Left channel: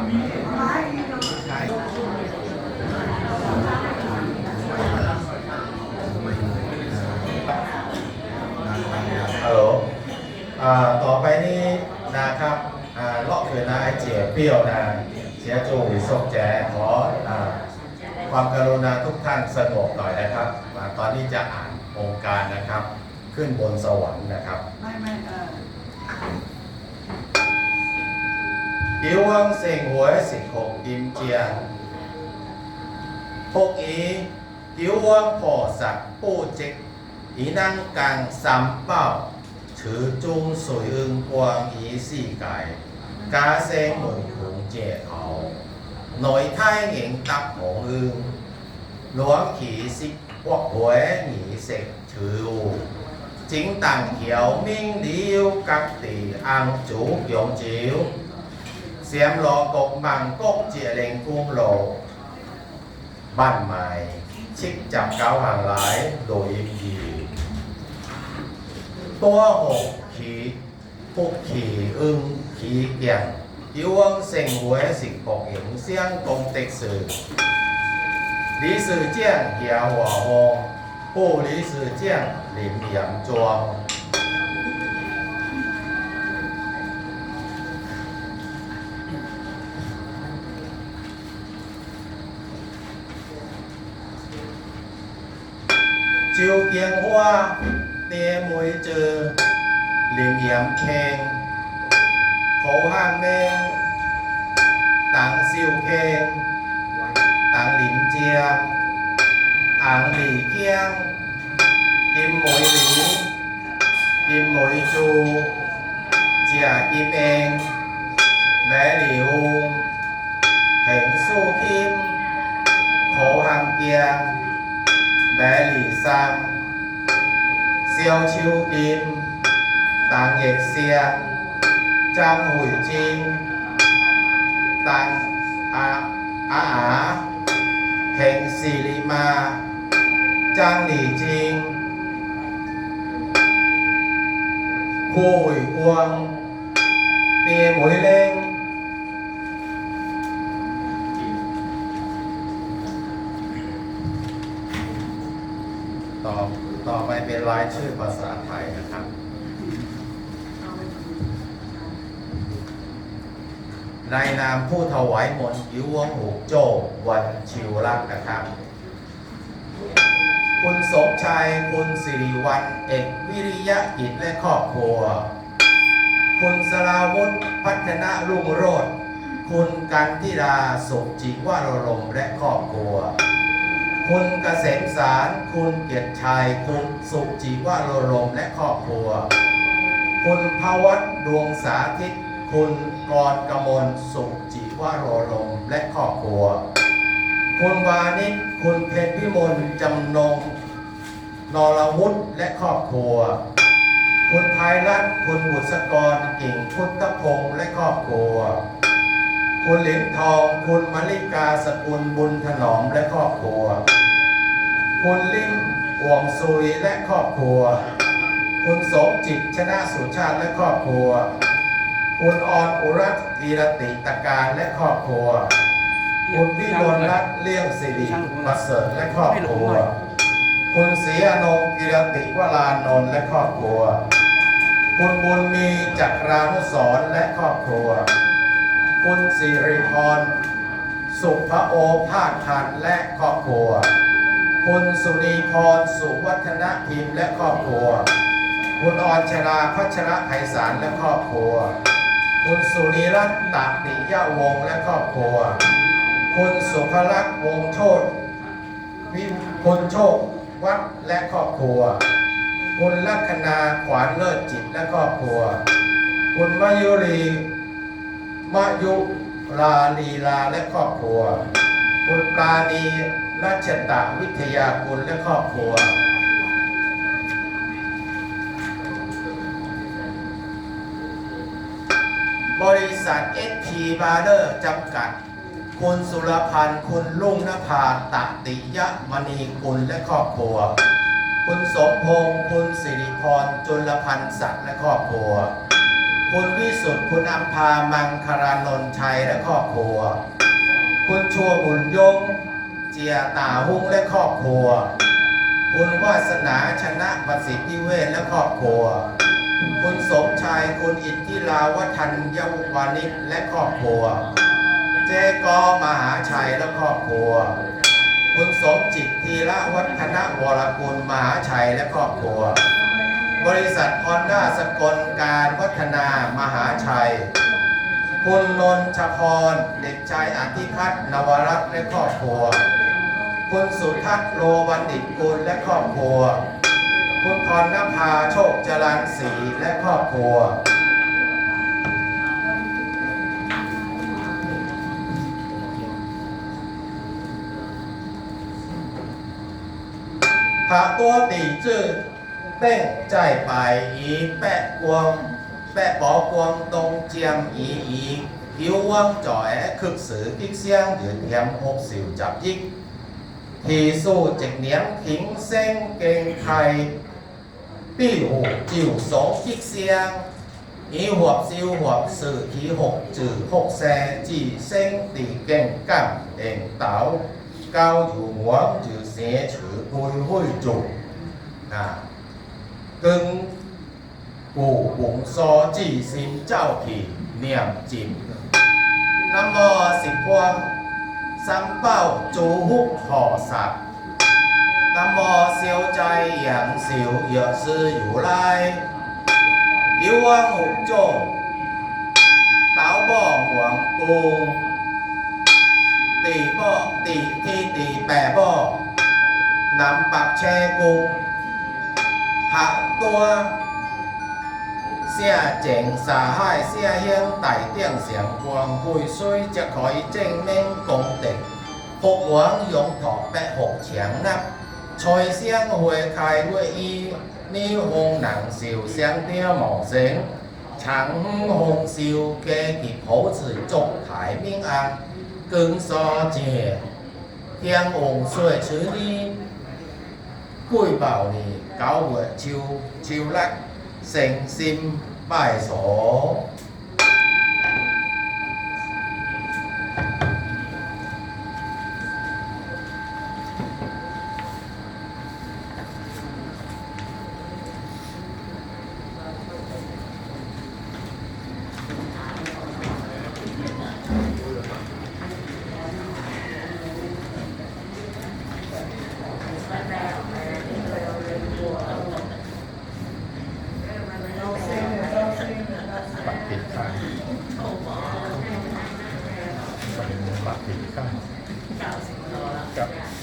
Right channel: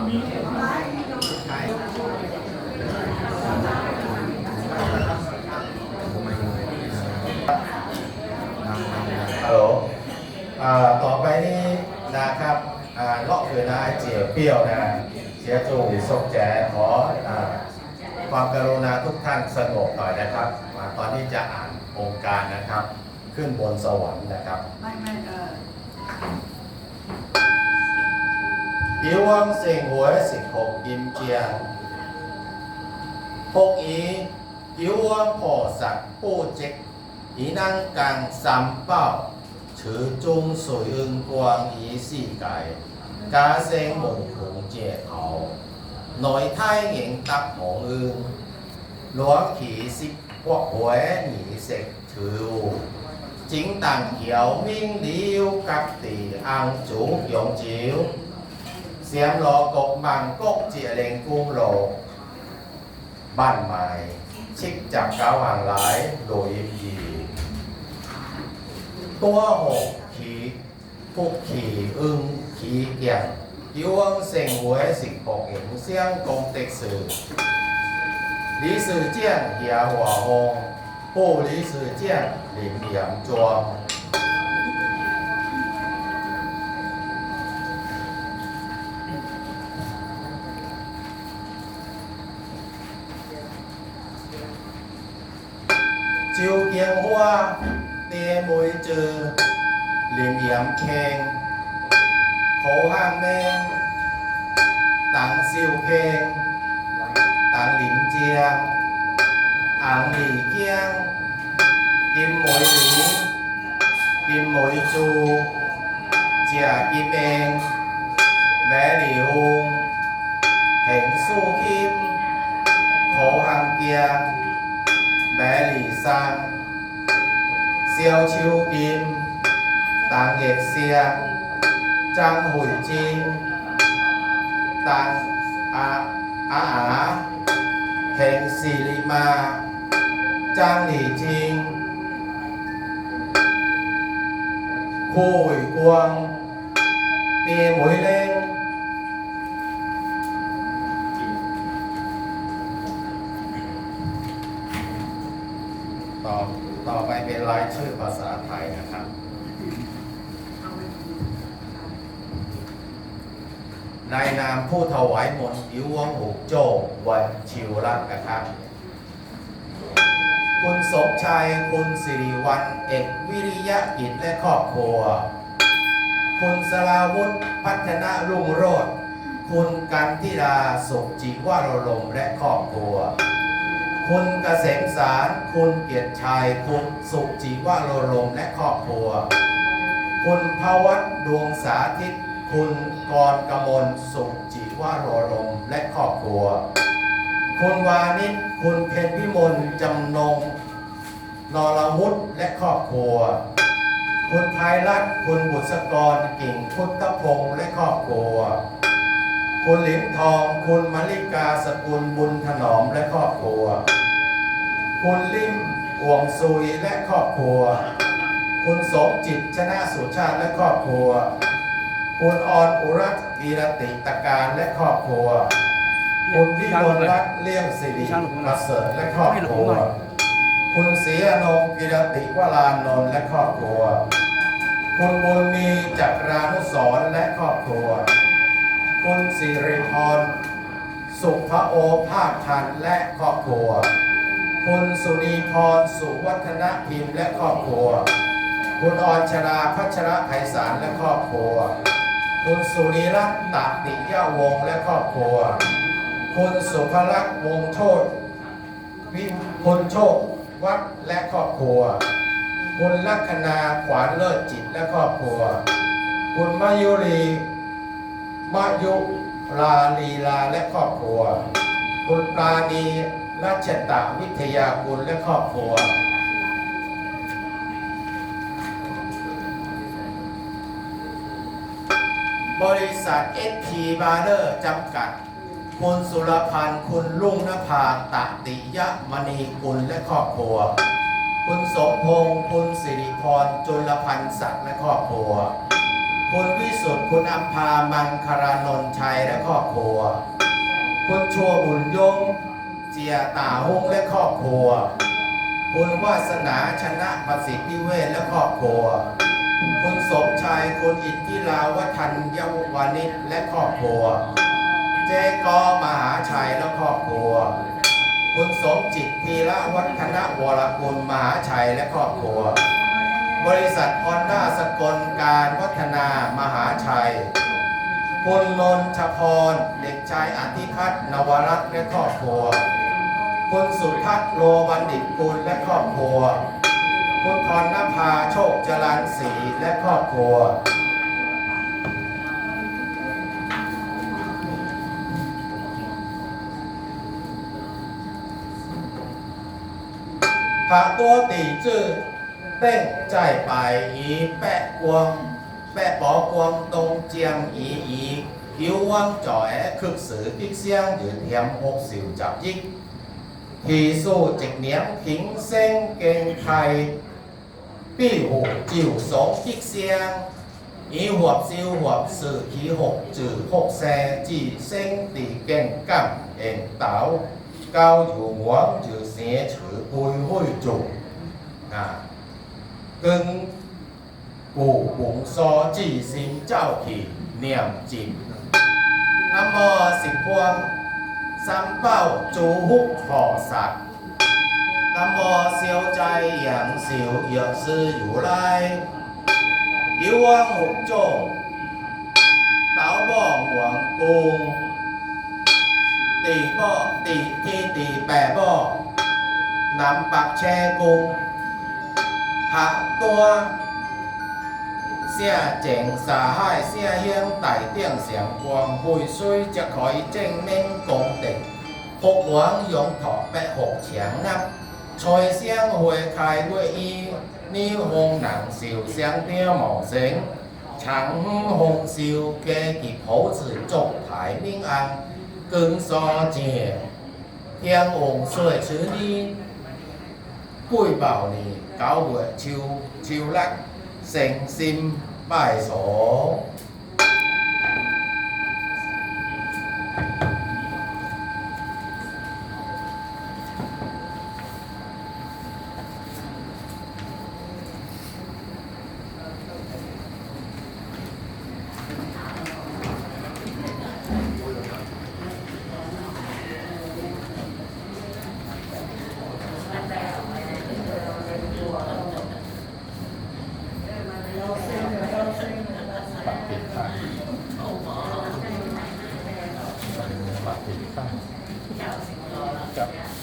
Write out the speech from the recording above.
ฮัลโหลต่อไปนี้นะครับอ่าเลาะคือนะไอเจียเปรี้ยวนะ เสียจูส่งแจขออความกรุณาทุกท่านสงบหน่อยนะครับ ตอนนี้จะอ่านองค์การนะครับ ขึ้นบนสวรรค์นะครับ ไม่ไม่ 流芳生活是黄金奖。福于九芳菩萨布施，以能降三宝，持中水恩光于世界，家生无穷解脱，内太应得无恩，卵起是国会已食除污。请但求命了，各地安祖永久。 เสียมหลอกกมังกกเจียเลงกุ้งโลบ้านไม้ชิกจับเก้าห่างหลายโดยยิมยีตัวหกขีพวกขีอึ้งขีเกียงยิวงเสงหวยสิบปกเอ็ยงเสียงกงเต็กสื่อลีสื่อเจียงเหียหัวหงผู้หลีสื่อเจียงหลิมเหนยมจวง จิวเกียงหัวเตะมวยเจอ เหลี่ยมเหลี่ยมแขงเขหางแมงต่างซิวเพงต่างลิมเจียอ่างหลีเกียง กิมมวยหลีกิมมวยจูเจียกิเองแหวหลิวแข่งสู้กิมโขหังเกียง mẹ lì sang. Siêu chiêu kim, tàng nghệ xe, trang hủy chinh tàng á á á, hẹn xì lì ma, trang lì chinh khu hủy quang tiền mũi lên ต่อต่อไปเป็นรายชื่อภาษาไทยนะครับเอาไปหมดในนามผู้ถวายมนต์อิววงหูโจวันชิวรักนะครับ คุณสมชัย คุณสิริวัลเอกวิริยะกิจและครอบครัว คุณสลาวุธพัฒนารุ่งโรจน์คุณกันทิราสุจิวารลมและครอบครัว คุณเกษมสาร คุณเกียรติชัย คุณสุจิวารลมและครอบครัว คุณภวัตดวงสาธิต คุณกรกมลสุจิวารลมและครอบครัว คุณวานิชคุณเพชรพิมลจำนงนรวุฒิและครอบครัว คุณภัยรัตน์คุณบุษกรกิ่งพุทธพงษ์และครอบครัว คุณหลินทอง คุณมลิกาสกุลบุญถนอมและครอบครัว คุณลิมอ่วงซุยและครอบครัว คุณสมจิตชนะสุชาติและครอบครัว คุณออนอุรัตกีรติตการและครอบครัว คุณพิมลรัตน์เลี่ยมสิริประเสริฐและครอบครัว คุณศรีอนงกิรติวรานนท์และครอบครัว คุณบุญมีจักรานุสรและครอบครัว คุณสิริพร สุภโอภาสทันและครอบครัว คุณสุนีพร สุวัฒนพิมพ์และครอบครัว คุณออนชราพัชระไพศาลและครอบครัว คุณสุนีรัตน์ตติยะวงศ์และครอบครัว คุณสุภลักษณ์วงโชตวิคุณโชควัดและครอบครัว คุณลัคนาขวานเลิศจิตและครอบครัว คุณมายุรี มายุราลีลาและครอบครัว คุณปราณีรัชตะวิทยากุลและครอบครัว บริษัท SP b a r เ e r จำกัด คุณสุรพันธ์คุณลุงนภาตติยะมณีกุลและครอบครัว คุณสมพงษ์คุณสิริพรจุลพันธ์ศักดิ์และครอบครัว คุณวิสุทธ์คุณอัมพามังคารานนท์ชัยและครอบครัว คุณชัวบุญยง เจียตาฮุ้งและครอบครัว คุณวาสนาชนะประสิทธิเวชและครอบครัว คุณสมชายคุณอิทธิลาวัฒนยวานิชและครอบครัว เจกอมหาชัยและครอบครัว คุณสมจิตทีละวัฒนวรกุลมหาชัยและครอบครัว บริษัทฮอนด้าสกลการพัฒนามหาชัย คุณนนชพร เด็กชายอธิพัฒนวรัตน์และครอบครัว คุณสุทัศน์โรบันดิตกุลและครอบครัว คุณพรณภาโชคจรันศรีและครอบครัวพรตัวตีจื้อ เป้งใจไปอีแปะกวง แปะปอกวงตรงเจียงอีอีผิวว่างจ่อยคึกสือติ๊กเสียงยืนเทียมหกสิวจับยิกทีสู้จิงเนียมขิงเส้งเก่งไทยปีหูจิ๋วสองติ๊กเสียงอีหัวซิวหัวสื่อทีหกจื่อหกแซจีเส้งตีเก่งกั่งเอ็นเต๋าเกาอยู่หัวจื่อเสียฉือปุยหุ้ยจุ่นะาหายเสียเฮียงไต่เตี้ยงเสียงกวางหุยซุยจะคอยเจ้งเม้งกงเด็กหกหวังยงถอกแปะหกเ下多写前山海写向大顶上光辉，水才可以正面功德。福王用土白火强纳，财相花开月伊，女红能寿相顶茂生，长红寿加及好子祝台平安，更山正天王岁春衣，贵宝你。九月าหัวชิว ชิวลักเสงซิางครับ